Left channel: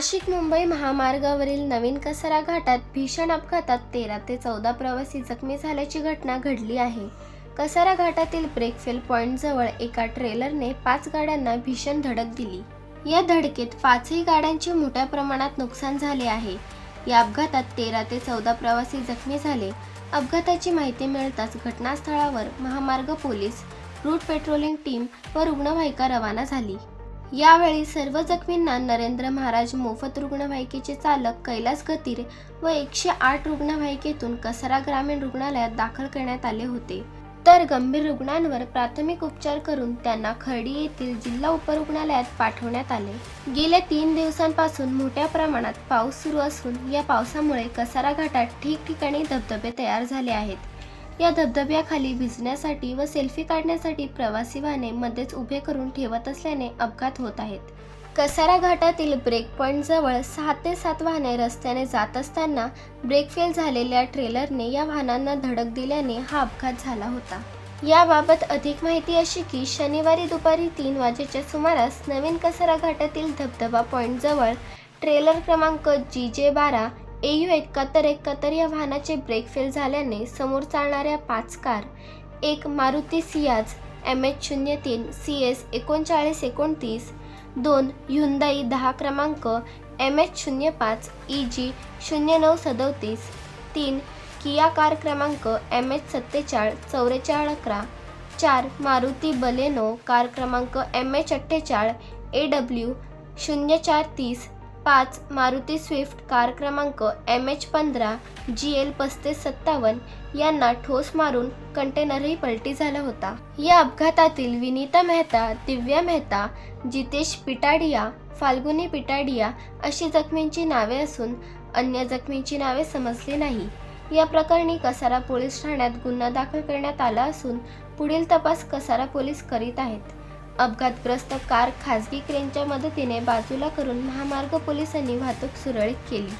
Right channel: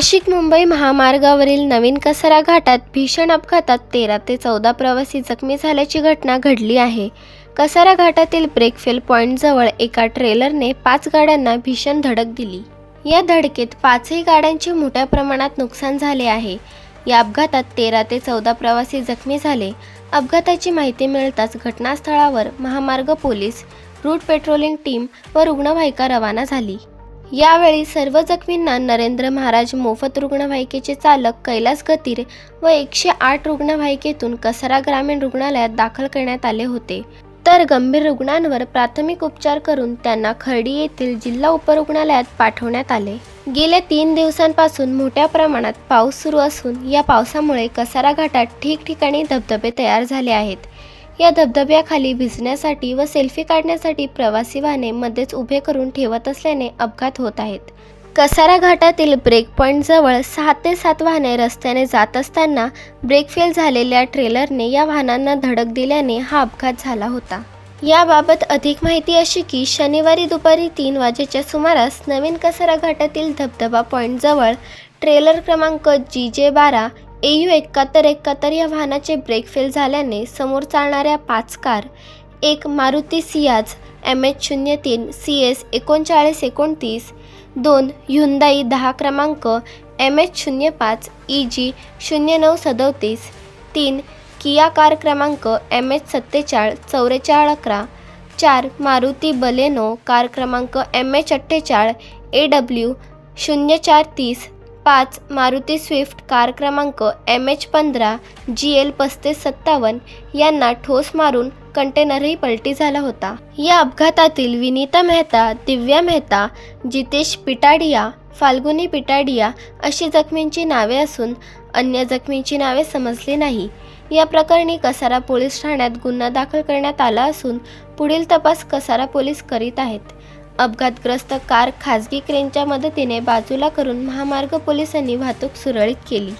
नाशिक मुंबई महामार्गावरील नवीन कसारा घाटात भीषण अपघातात तेरा ते चौदा प्रवासी जखमी झाल्याची घटना घडली आहे. कसारा घाटातील ब्रेकफेल पॉईंटजवळ एका ट्रेलरने पाच गाड्यांना भीषण धडक दिली. या धडकेत पाचही गाड्यांचे मोठ्या प्रमाणात नुकसान झाले आहे. या अपघातात तेरा ते चौदा प्रवासी जखमी झाले. अपघाताची माहिती मिळताच घटनास्थळावर महामार्ग पोलीस रूट पेट्रोलिंग टीम व रुग्णवाहिका रवाना झाली. यावेळी सर्व जखमींना नरेंद्र महाराज मोफत रुग्णवाहिकेचे चालक कैलास गतीर व एकशे आठ रुग्णवाहिकेतून कसारा ग्रामीण रुग्णालयात दाखल करण्यात आले होते. तर गंभीर रुग्णांवर प्राथमिक उपचार करून त्यांना खर्डी येथील जिल्हा उपरुग्णालयात पाठवण्यात आले. गेल्या तीन दिवसांपासून मोठ्या प्रमाणात पाऊस सुरू असून या पावसामुळे कसारा घाटात ठिकठिकाणी धबधबे तयार झाले आहेत. या धबधब्याखाली भिजण्यासाठी व सेल्फी काढण्यासाठी प्रवासी वाहने मध्येच उभे करून ठेवत असल्याने अपघात होत आहेत. कसारा घाटातील ब्रेक पॉईंटजवळ सहा ते सात वाहने रस्त्याने जात असताना ब्रेक फेल झालेल्या ट्रेलरने या वाहनांना धडक दिल्याने हा अपघात झाला होता. याबाबत अधिक माहिती अशी की शनिवारी दुपारी तीन वाजेच्या सुमारास नवीन कसारा घाटातील धबधबा पॉईंटजवळ ट्रेलर क्रमांक जी जे बारा ए यू एकाहत्तर एकाहत्तर या वाहनाचे ब्रेक फेल झाल्याने समोर चालणाऱ्या पाच कार एक मारुती सियाज एम एच शून्य तीन सी एस एकोणचाळीस एकोणतीस दोन ह्युंदाई दहा क्रमांक एम एच शून्य पाच ई जी शून्य नऊ सदोतीस तीन किया कार क्रमांक एम एच सत्तेचाळ चौवेचाळ अकरा चार मारुती बलेनो कार क्रमांक एम एच अठ्ठेचाळ ए डब्ल्यू शून्य चार तीस पाच मारुती स्विफ्ट कार क्रमांक एम एच पंधरा जी एल पस्तीस सत्तावन्न यांना ठोस मारून कंटेनरही पलटी झाला होता. या अपघातातील विनीता मेहता दिव्या मेहता जितेश पिटाडिया फाल्गुनी पिटाडिया अशी जखमींची नावे असून अन्य जखमींची नावे समजली नाही. या प्रकरणी कसारा पोलीस ठाण्यात गुन्हा दाखल करण्यात आला असून पुढील तपास कसारा पोलीस करीत आहेत. अपघातग्रस्त कार खासगी क्रेनच्या मदतीने बाजूला करून महामार्ग पोलिसांनी वाहतूक सुरळीत केली.